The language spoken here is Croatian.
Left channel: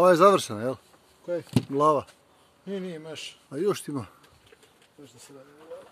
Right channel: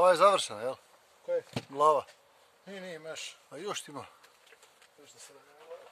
Glava je završena, jel? Kaj? Glava. Nije, meš. A još ti ima. Još da se da ne glava.